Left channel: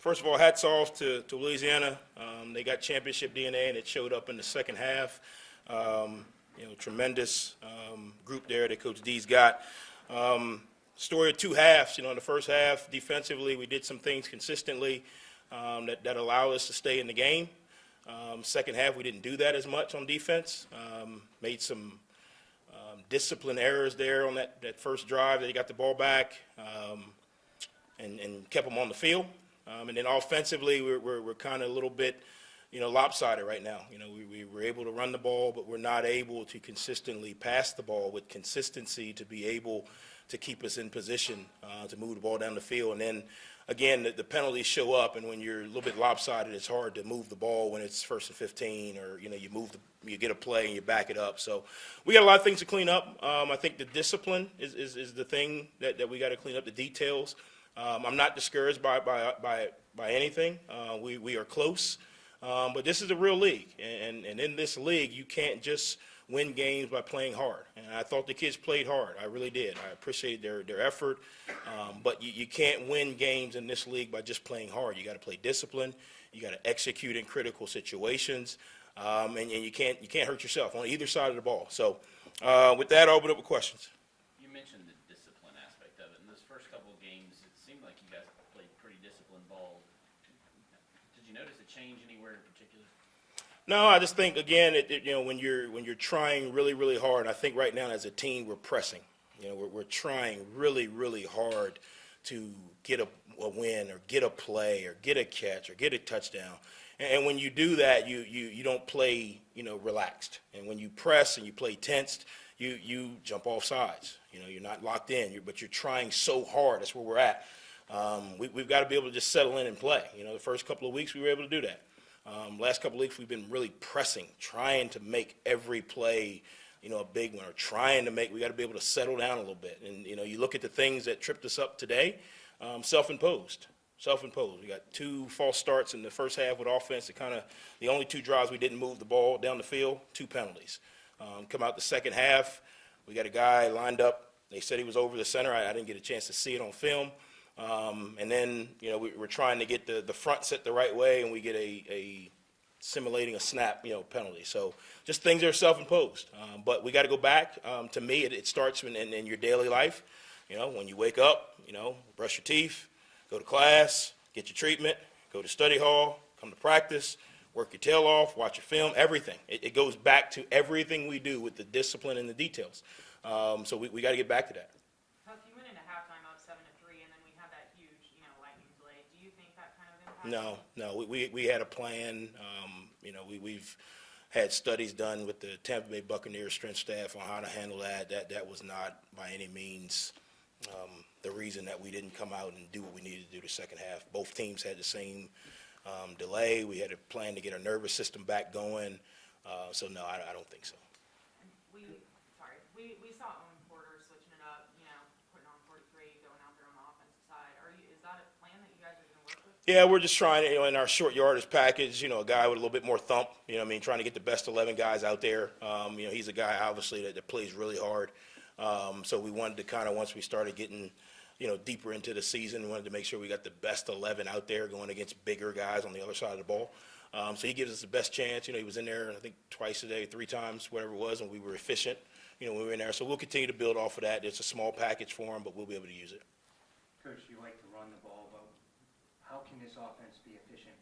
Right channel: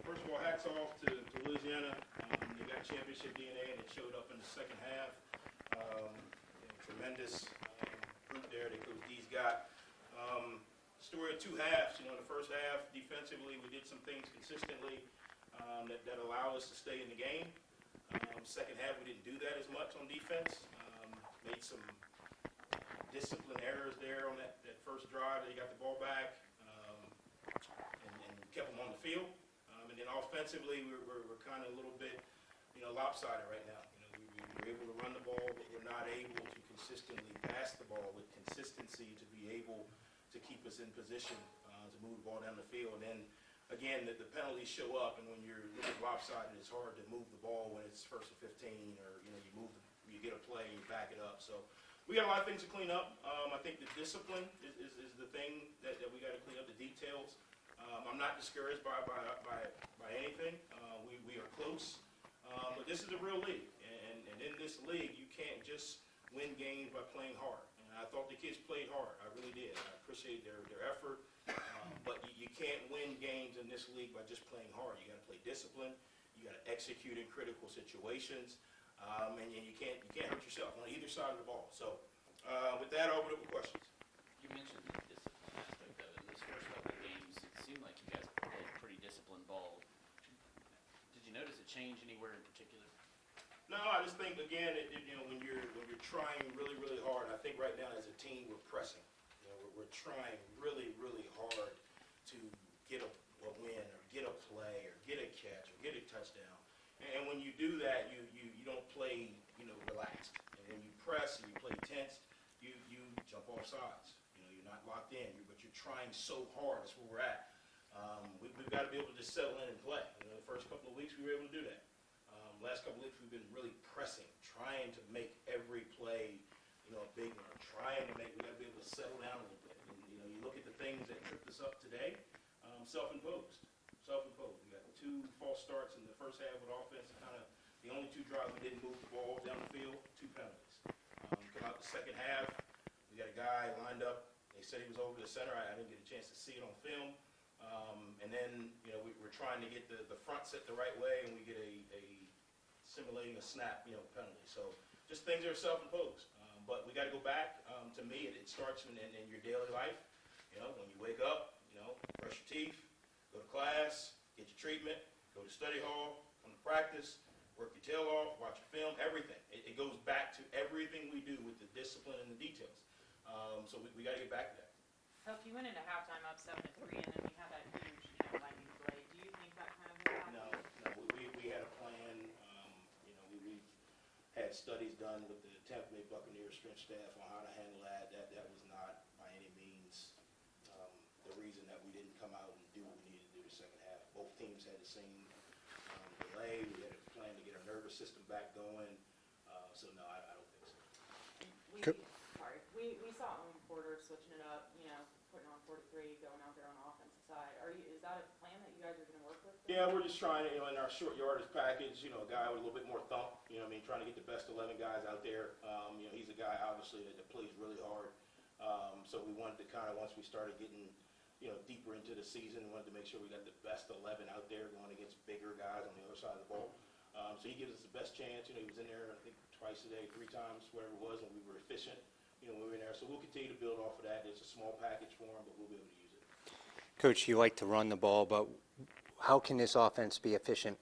First of all, hats off to Louisiana. They got championship DNA, and it showed up in the second half. Tremendous group there that Coach D's got. Story of two halves. In the first half, defensively, we did some things consistently that allowed us to stay in the game. Second half, we didn't do that as much on defense. Made some discipline errors there on that first drive. They got the ball back and kept them on the field. And then offensively, we're kind of a little bit, lopsided right now. We were able to run the ball, but we're not able to consistently pass the ball with consistency to be able to keep us in position to move the ball down the field. And then, again, the penalties show up, and when you're a little bit lopsided, it's hard to move the ball when it's 1st and 15, or you get a play and you back it up. So we got a lot of things to clean up. I think the discipline is the thing that we got to clean up, the details. I'm not discouraged by anything. We are close, but this is a real league, and in this league, you can't just win games by playing hard. And I thought the kids played hard. I really did. I appreciate their effort, but you can't win games in this league by just playing hard. You got to play discipline. You got to execute in critical situations, and you can't hurt yourself on either side of the ball. So, with that, I'll open up with questions. You mentioned the discipline aspect of it. In those first couple of games, it seemed like you guys played pretty disciplined ball. Did you notice a change anywhere in particular? No, I just think, again, when you're trying really, really hard, I think right now as a team we're pressing. We're trying really, really hard to get a win or get a play or get a catch or get a touchdown. And when you do that, you don't play, relaxed. And when you press and you play tensed, you jump off sides. You're not locked in, but you're trying so hard. That's where we're at. We've got to be able to just settle in and play. The first couple of weeks we were able to do that. Last couple of weeks we've been really pressing, trying to make every play, a big one, or we got to be able to settle down a little bit. And, you look at the things that tripped us up today, self-imposed. We got 2 false starts in the first half with offense. The only 2 drives we didn't move the ball down the field, 2 penalties. Come out the second half, we got a guy lined up. They said he was over the center. I didn't get a chance to see it on film. And then, we're trying to get the front set the right way, and we get a simulating a snap, penalty. So just things that are self-imposed. But we got to go back. To me, it starts in your daily life. When you wake up, brush your teeth, go to class, get your treatment, go to study hall, come to practice, work your tail off, watch your film, everything. It goes back to everything we do with the discipline and the details. So we got to get back to that. Huff, you went into halftime up 7-3, and then we had that huge, lightning delay. Do you think that kind of No. We had a plan. We've had studies done with the Tampa Bay Buccaneers strength staff on how to handle that. That was not by any means the reason that we didn't come out and do what we needed to do the second half. Both teams had the same delay. We had a plan to get our nervous system back going. So no, I don't think so. We saw Owen Porter switching it up, putting on 43, going out there on the offensive side. Is that a plan that you guys are going to work with? Yeah, we're just trying, in our short yardage package, a guy with a little bit more thump, trying to get the best 11 guys out there. He's a guy, obviously, that plays really hard. So we wanted to once we started getting, deeper into the season, we wanted to make sure we got the best 11 out there going against bigger guys on the other side of the ball. So he gives us the best chance. He was in there, I think, twice a day, 3 times, whatever it was, and we were efficient, when we were in there. So we'll continue to build off of that. It's a small package for him, but we'll be able to use it. Coach, you like to run the ball, but how can this offense be efficient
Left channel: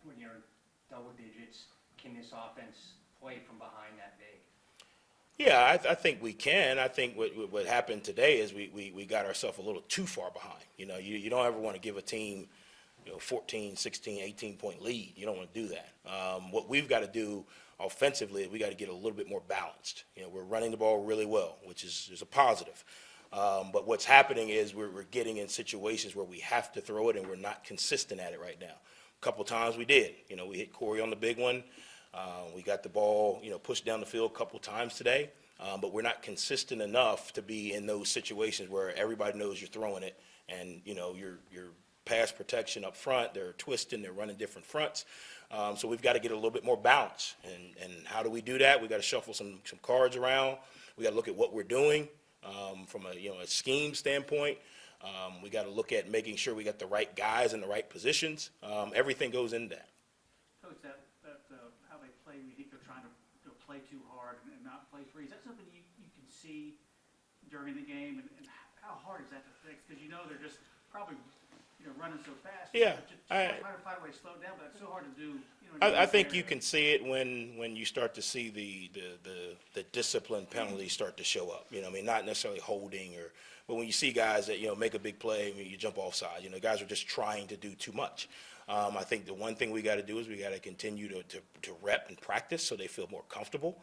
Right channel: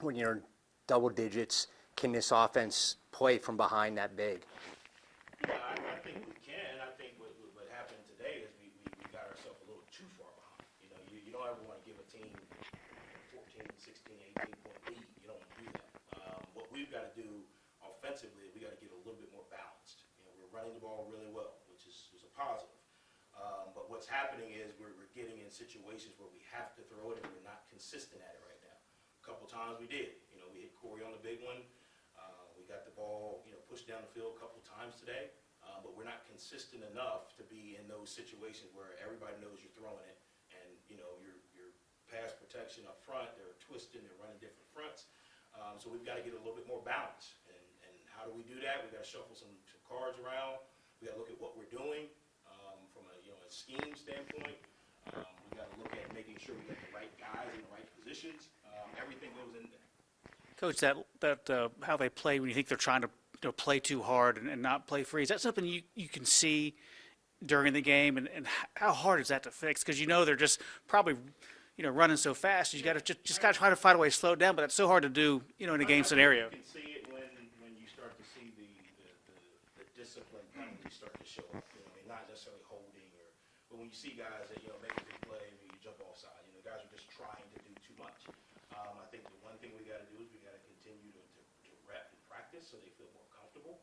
when you're double digits? Can this offense play from behind that big? Yeah, I think we can. I think what happened today is we got ourselves a little too far behind. You don't ever want to give a team 14, 16, 18-point lead. You don't want to do that. What we've got to do offensively is we got to get a little bit more balanced. We're running the ball really well, which is a positive. But what's happening is we're getting in situations where we have to throw it, and we're not consistent at it right now. A couple times we did. We hit Corey on the big one. We got the ball, pushed down the field a couple times today. But we're not consistent enough to be in those situations where everybody knows you're throwing it, and your pass protection up front, they're twisting, they're running different fronts. So we've got to get a little bit more balance. And how do we do that? We've got to shuffle some cards around. We got to look at what we're doing from a scheme standpoint. We got to look at making sure we got the right guys in the right positions. Everything goes into that. Coach, how they play when you think they're trying to play too hard and not play free, is that something you can see during the game, and how hard is that to fix? Because they're just probably running so fast. You Yeah, got to just got to try to find a way to slow it down, but that's so hard to do in a game I scenario. think you can see it when you start to see the discipline penalties start to show up. Not necessarily holding but when you see guys that make a big play, you jump offside. Guys are just trying to do too much. I think the one thing we got to do is we got to continue to rep and practice so they feel more comfortable,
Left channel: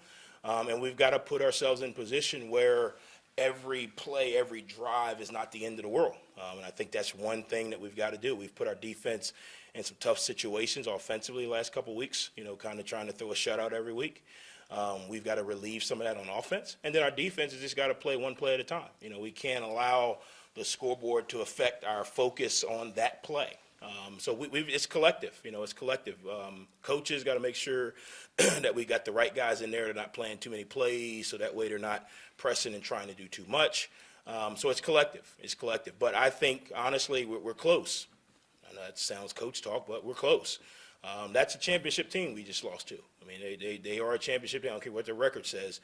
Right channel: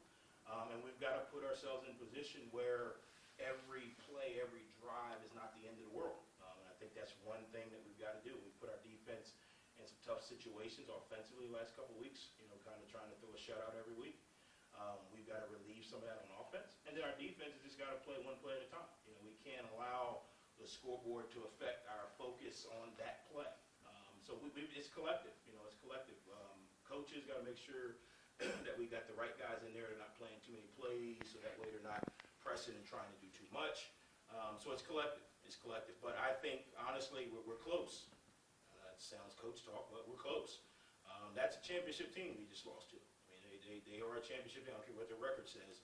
and we've got to put ourselves in position where every play, every drive is not the end of the world. And I think that's one thing that we've got to do. We've put our defense in some tough situations offensively the last couple of weeks, kind of trying to throw a shutout every week. We've got to relieve some of that on offense. And then our defense has just got to play one play at a time. We can't allow the scoreboard to affect our focus on that play. So it's collective, it's collective. Coaches got to make sure that we got the right guys in there. They're not playing too many plays, so that way they're not pressing and trying to do too much. So it's collective. It's collective. But I think, honestly, we're close. I know that sounds coach talk, but we're close. That's a championship team we just lost to. They are a championship team. I don't care what their record says.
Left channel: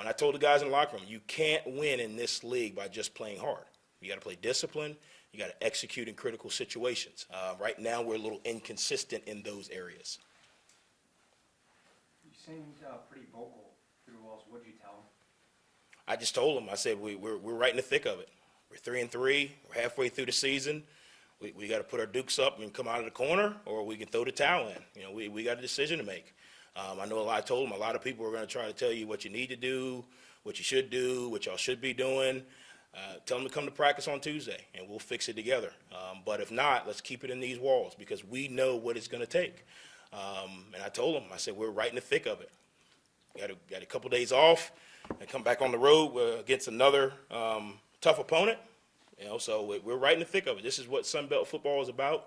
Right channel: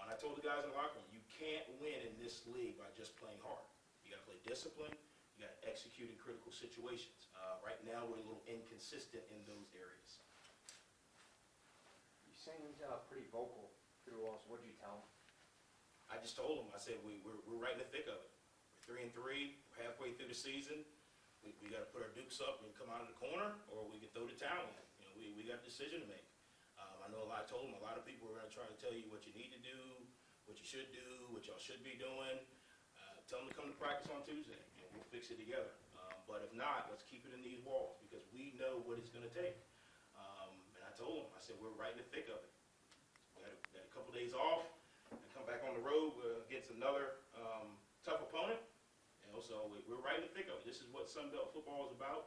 And I told the guys in the locker room, you can't win in this league by just playing hard. You got to play discipline. You got to execute in critical situations. Right now, we're a little inconsistent in those areas. You seemed pretty vocal through all. What did you tell them? I just told them, I said, we're right in the thick of it. We're 3-3. We're halfway through the season. We got to put our dukes up and come out of the corner, or we can throw the towel in. We got a decision to make. I know I told them a lot of people are going to try to tell you what you need to do, what you should do, what y'all should be doing. Tell them to come to practice on Tuesday, and we'll fix it together. But if not, let's keep it in these walls because we know what it's going to take. And I told them, I said, we're right in the thick of it. Got a couple days off and come back on the road against another tough opponent. So we're right in the thick of it. This is what Sun Belt football is about,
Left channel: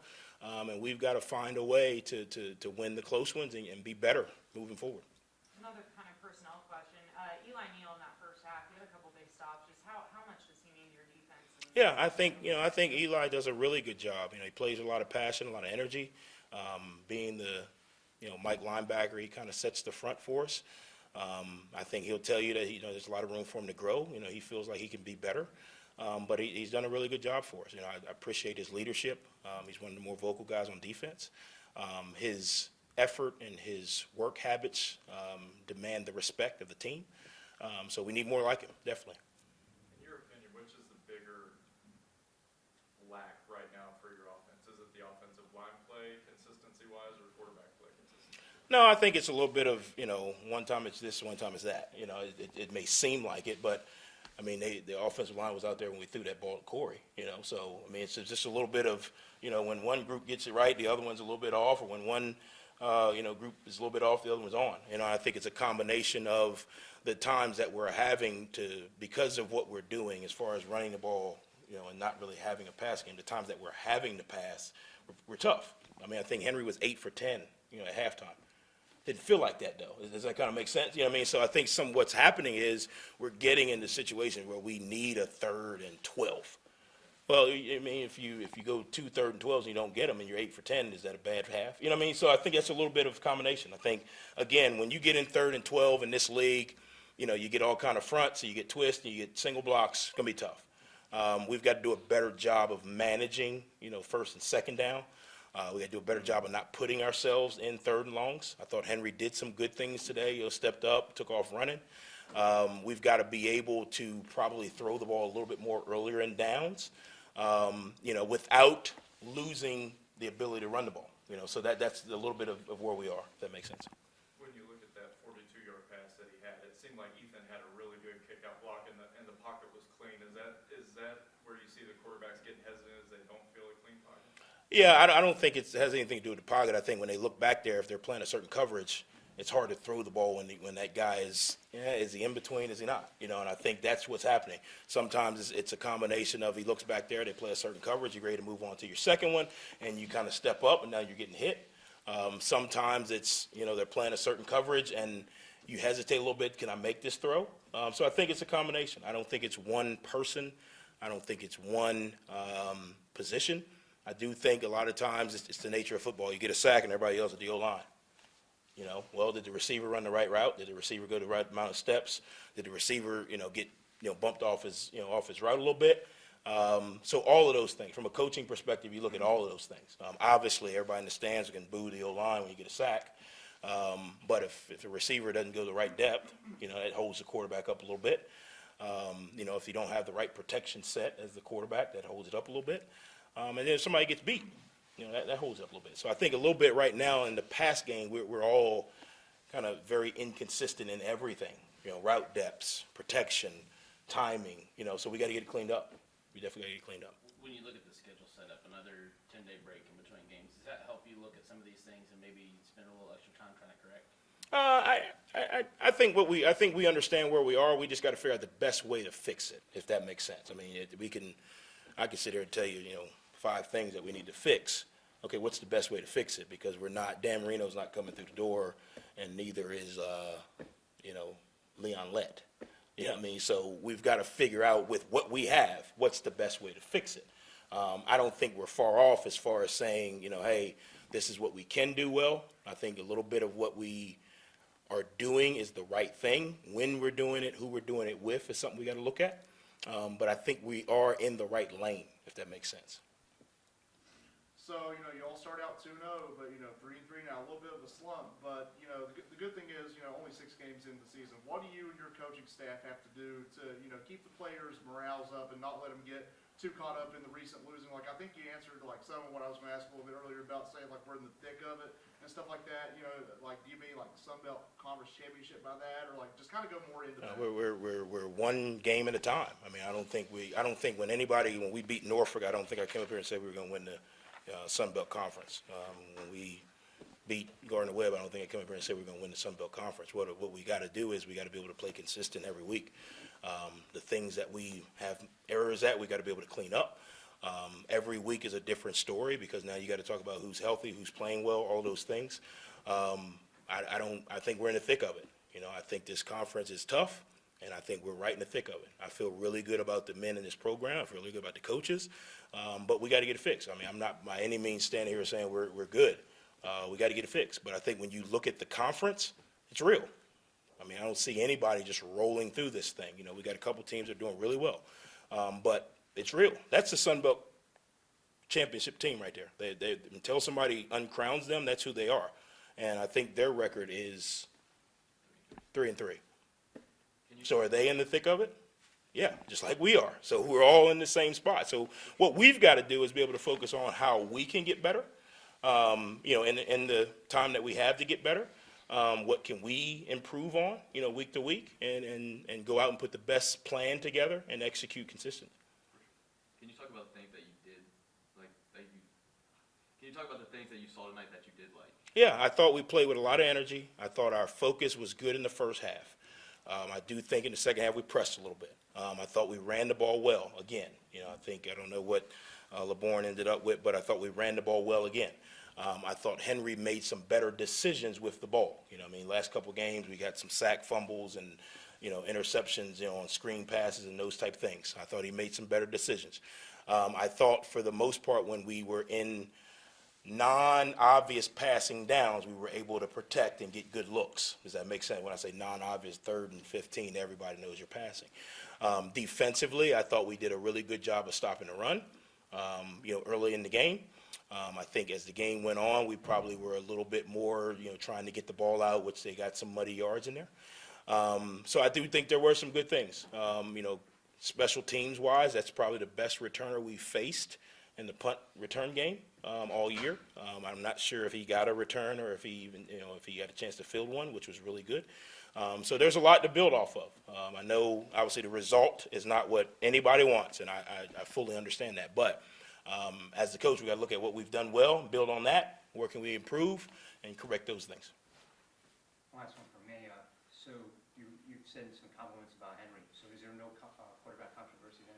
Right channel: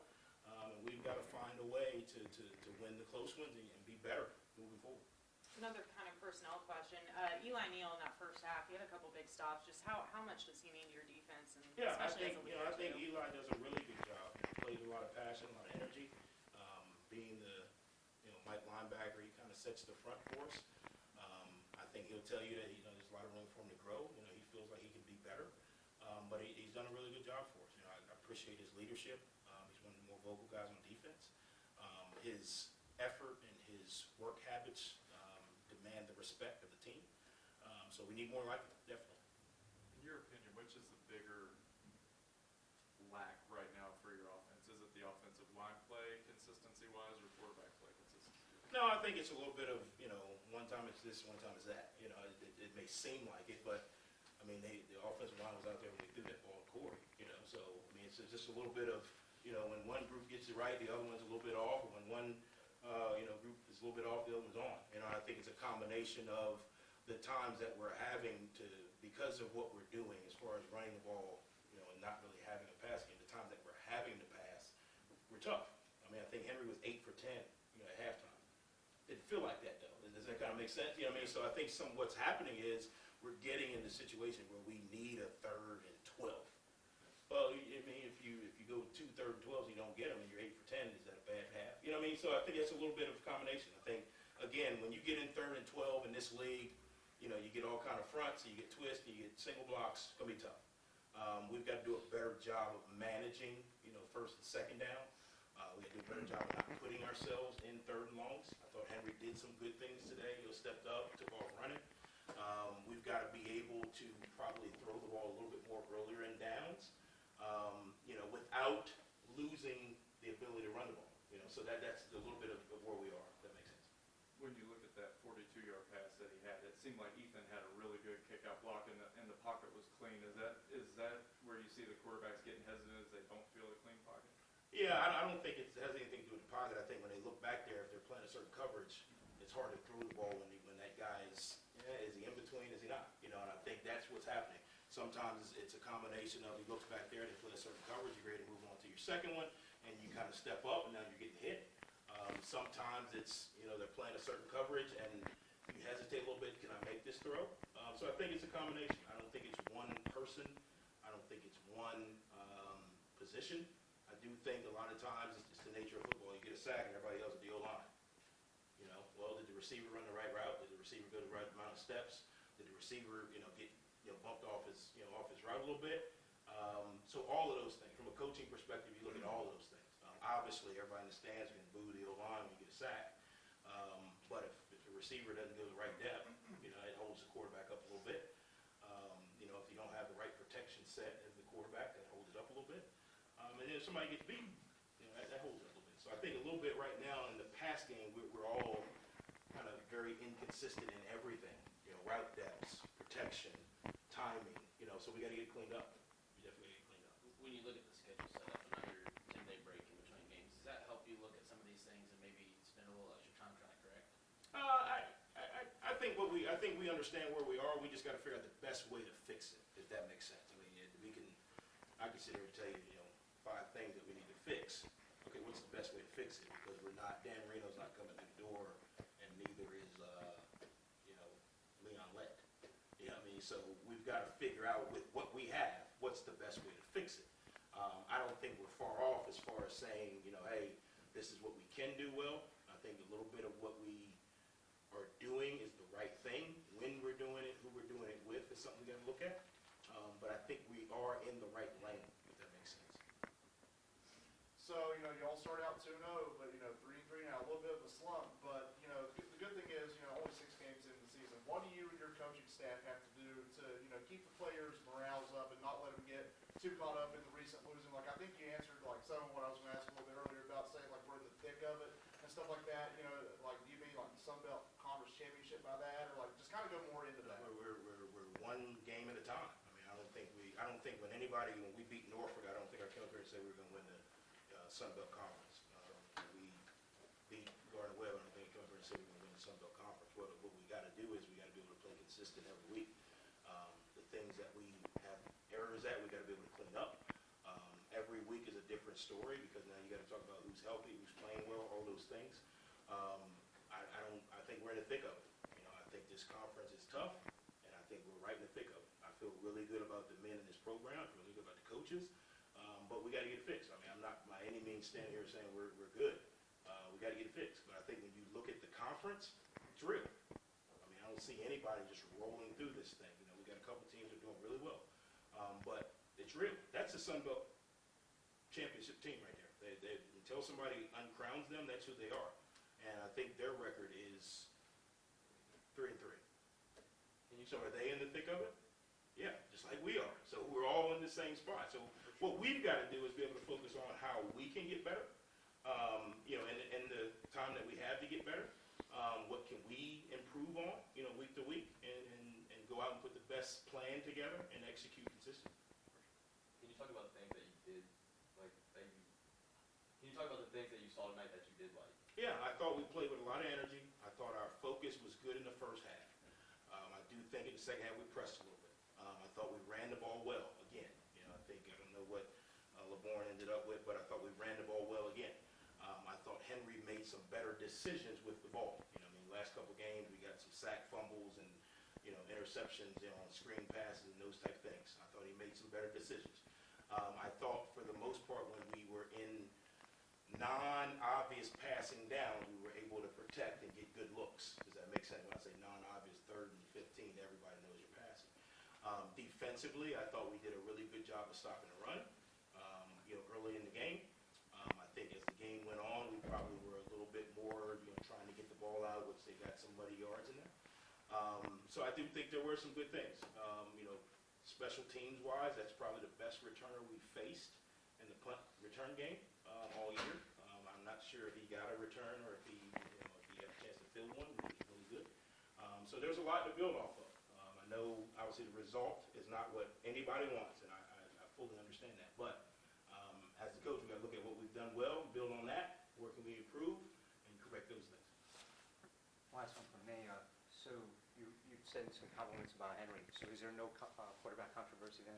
and we've got to find a way to win the close ones and be better moving forward. Another kind of personnel question. Eli Neal in that first half, he had a couple big stops. Just how much does he mean to your defense? Yeah, I think Eli does a really good job. He plays with a lot of passion, a lot of energy. Being the Mike linebacker, he kind of sets the front for us. I think he'll tell you that there's a lot of room for him to grow. He feels like he can be better. But he's done a really good job for us. I appreciate his leadership. He's one of the more vocal guys on defense. His effort and his work habits demand the respect of the team. So we need more like him, definitely. In your opinion, which is the bigger lack right now for your offense? Is it the offensive line play consistency-wise or quarterback play consistency? No, I think it's a little bit of, one time it's this, one time it's that. It may seem like it, but the offensive line was out there when we threw that ball to Corey, So, it's just a little bit of, when one group gets it right, the other one's a little bit off, or when one, group is a little bit off, the other one's on. I think it's a combination of the times that we're having to, because of what we're doing as far as running the ball, and not really having a pass game, the times that we're having to pass, we're tough. I think Henry was 8 for 10, at halftime. Didn't feel like that, though. Does that kind of make sense? So I think what's happening is we're getting into situations where we need a 3rd and 12. Well, if you go 2 3rd and 12s and you don't get them and you're 8 for 10, is that a bad half? So I think that's a little bit of combination. I think, again, when you get in 3rd and 12 in this league, you get all kind of fronts, so you get twists, and you get single blocks. It's going to be tough. We've got to do a better job of managing, 1st and 2nd down. We got to do a better job of not putting ourselves in 3rd and longs. I thought Henry did some good things today. Stepped up, took off running. We've got to be able to probably throw the ball a little bit more earlier in downs, without losing the ability to run the ball. So that's a little bit of where we are, if that makes sense. When you look at that 42-yard pass that he had, it seemed like Ethan had a really good kickout block and the pocket was clean. Is that where you see the quarterbacks getting hesitant as they don't feel a clean pocket? Yeah, I don't think it has anything to do with the pocket. I think when they look back there, if they're playing a certain coverage, it's hard to throw the ball when that guy is he in between, is he not? And I think that's what's happening. Sometimes it's a combination of he looks back there, they play a certain coverage, you're ready to move on to your second one, and you kind of step up, and now you're getting hit. Sometimes it's, they're playing a certain coverage, and you hesitate a little bit, can I make this throw? So I think it's a combination. I don't think it's one person. I don't think it's one position. I do think a lot of times it's the nature of football. You get a sack and everybody else at the O-line. You know, well, did the receiver run the right route? Did the receiver go the right amount of steps? Did the receiver, get, bumped off his route a little bit? So all of those things, from a coaching perspective, you look at all of those things. Obviously, everybody in the stands can boo the O-line when you get a sack. But if the receiver doesn't go the right depth, it holds the quarterback up a little bit. If you don't have the right protection set as the quarterback, that holds it up a little bit. And then if somebody gets beat, that holds it up a little bit. So I think a little bit right now in the pass game, we're all kind of very inconsistent in everything. Route depths, protection, timing, so we got to get it cleaned up. We definitely got to get it cleaned up. When you look at the schedule set up, another 10-day break in between games, does that help you look at some of these things and maybe spend a little extra time trying to correct? I think we understand where we are. We just got to figure out the best way to fix it, if that makes sense. I mean, I can sit here and tell you, 5 things that we need to fix. Okay, what's the best way to fix it? Because Dan Marino's not coming through the door, and neither is, Leon Lett. You know what I mean? So we've got to figure out with what we have, what's the best way to fix it. I don't think we're far off as far as saying, hey, this is what we can do well. I think a little bit of what we are doing is the right thing. When we're doing it, who we're doing it with is something we got to look at. But I think we are in the right lane, if that makes sense. So, you all start out 2-0, but, 3-3 now, a little bit of a slump. But, the good thing is, only 6 games into the season. What do you and your coaching staff have to do to, keep the players' morales up and not let them get too caught up in the recent losing? Like, I think you answered, some of what I was going to ask a little bit earlier about saying, we're in the thick of it and stuff like that. Do you mean, the Sun Belt Conference Championship by that? Or, just kind of go more into that? We're one game at a time. I mean, I don't think when we beat Norfolk, I don't think I came up here and said we were going to win the Sun Belt Conference. When we beat Gardner-Webb, I don't think I came up here and said we're going to win the Sun Belt Conference. What we got to do is we got to be able to play consistent every week. The things that we have errors at, we got to be able to clean up. Every week is a different story because now you got to talk about who's healthy, who's playing well, all those things. I think we're in the thick of it. I think this conference is tough, and I think we're right in the thick of it. I feel really good about the men in this program. I feel really good about the coaches, but we got to get it fixed. I mean, I'm not by any means standing here saying we're good. We got to get it fixed. But I think when you look at the conference, it's real. I mean, I don't see anybody just rolling through this thing. We got a couple teams that are doing really well, but it's real. That's the Sun Belt championship team right there. They until somebody uncrowns them, that's who they are. And I think their record is 3-3. So are they in the thick of it? Yeah, just like we are. So we're all in the same spot. So what we've got to do is be able to focus on how we can get better. In the time that we have to get better, what can we improve on, week to week, and go out and put the best plan together and execute consistently. Can you talk about the things that you did, can you talk about the things that you saw tonight that you did like? Yeah, I thought we played with a lot of energy. I thought our focus was good in the first half. I do think in the second half we pressed a little bit. I thought we ran the ball well again. I don't know what LeBourne ended up with, but I thought we ran the ball well again. I thought Henry made some better decisions with the ball. Last couple of games we got some sack fumbles and, interceptions, on screen passes and those type things. I thought he made some better decisions. I thought for the most part when we were in non-obvious passing downs, we were able to protect and get good looks. Does that make sense? When I say non-obvious, 3rd and 15, everybody knows you're passing. Defensively, I thought we did a really good job of stopping the run, early in the game. I think as the game went on, we probably were a little bit more, trying to get the ball out, which they got some muddy yards in there. So I do think there were some good things. Special teams wise, that's probably the best returner we faced in the punt return game all year. I'm not sure if he got a return or if he even, if he had a chance to field one, which was really good. So there's a lot to build off of. I know obviously the result is not what anybody wants, and I fully understand that. But as the coach, we got to look at what we've done well, build on that, where can we improve, and correct those things. Last one from me. So you've said some compliments about Henry. So is there no quarterback controversy then?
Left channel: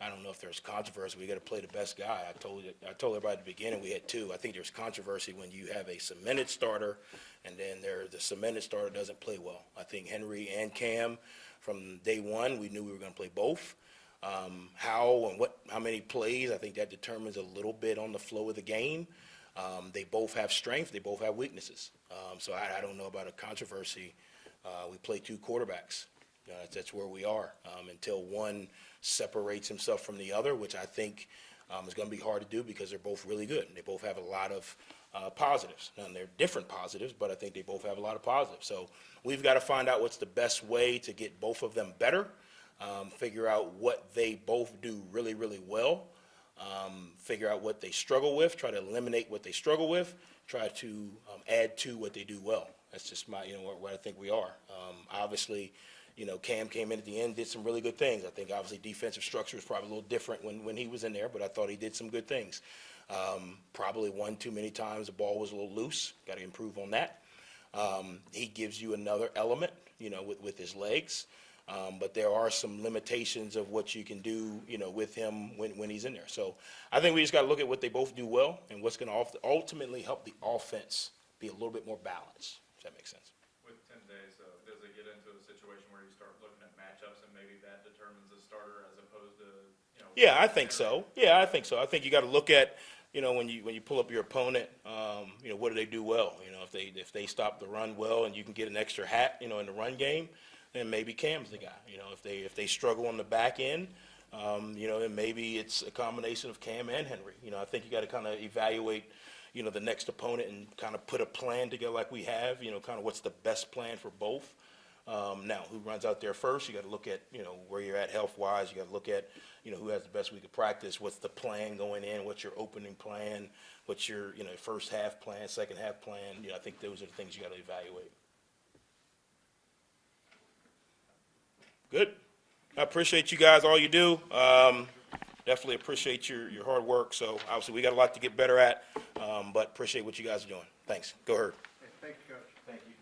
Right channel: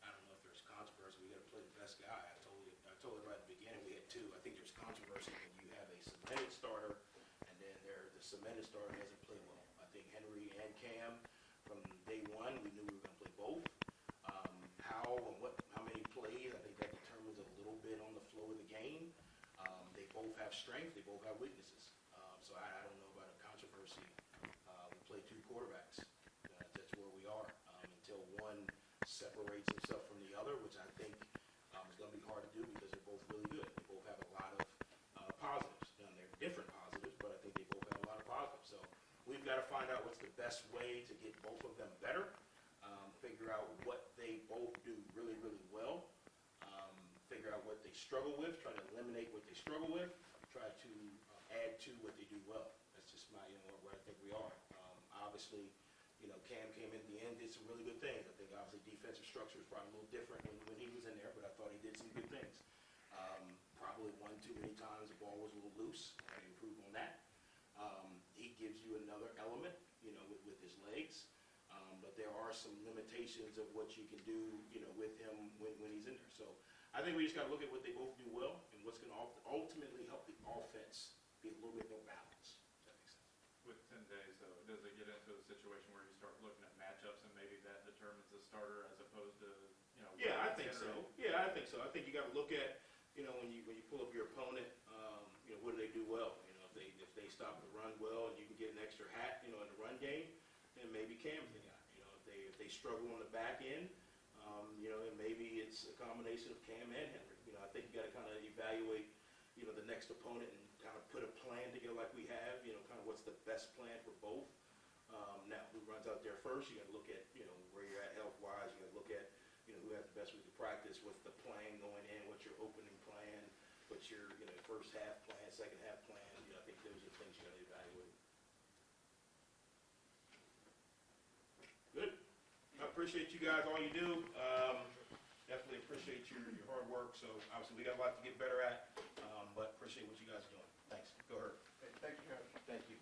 I don't know if there's controversy. We got to play the best guy. I told everybody at the beginning we had 2. I think there's controversy when you have a cemented starter, and then the cemented starter doesn't play well. I think Henry and Cam, from day one, we knew we were going to play both. How and how many plays, I think that determines a little bit on the flow of the game. They both have strength, they both have weaknesses. So I don't know about a controversy. We play two quarterbacks. That's where we are until one separates himself from the other, which I think is going to be hard to do because they're both really good. They both have a lot of positives. And they're different positives, but I think they both have a lot of positives. So we've got to find out what's the best way to get both of them better, figure out what they both do really, really well, figure out what they struggle with, try to eliminate what they struggle with, try to add to what they do well. That's just my, what I think we are. Obviously, Cam came in at the end, did some really good things. I think obviously defensive structure was probably a little different when he was in there, but I thought he did some good things. Probably one too many times the ball was a little loose. Got to improve on that. He gives you another element, with his legs. But there are some limitations of what you can do, with him when he's in there. So I think we just got to look at what they both do well and what's going to ultimately help the offense be a little bit more balanced. Does that make sense? With 10 days, though, does it get into a situation where you start looking at matchups and maybe that determines the starter as opposed to, Yeah, I think so. I think you got to look at, when you pull up your opponent, what do they do well? If they stop the run well and you can get an extra hat, in the run game, then maybe Cam's the guy. If they struggle on the back end, then maybe it's a combination of Cam and Henry. I think you got to kind of evaluate, the next opponent and kind of put a plan together like we have. Kind of what's the best plan for both. Now, who runs out there first? You got to look at, where you're at health-wise. You got to look at, who has the best week of practice. What's the plan going in? What's your opening plan? What's your, first half plan, second half plan? I think those are the things you got to evaluate. Good. I appreciate you guys, all you do. Definitely appreciate your hard work. So obviously we got a lot to get better at, but appreciate what you guys are doing. Thanks. Go Herd. Hey, thank you, Coach. Thank you.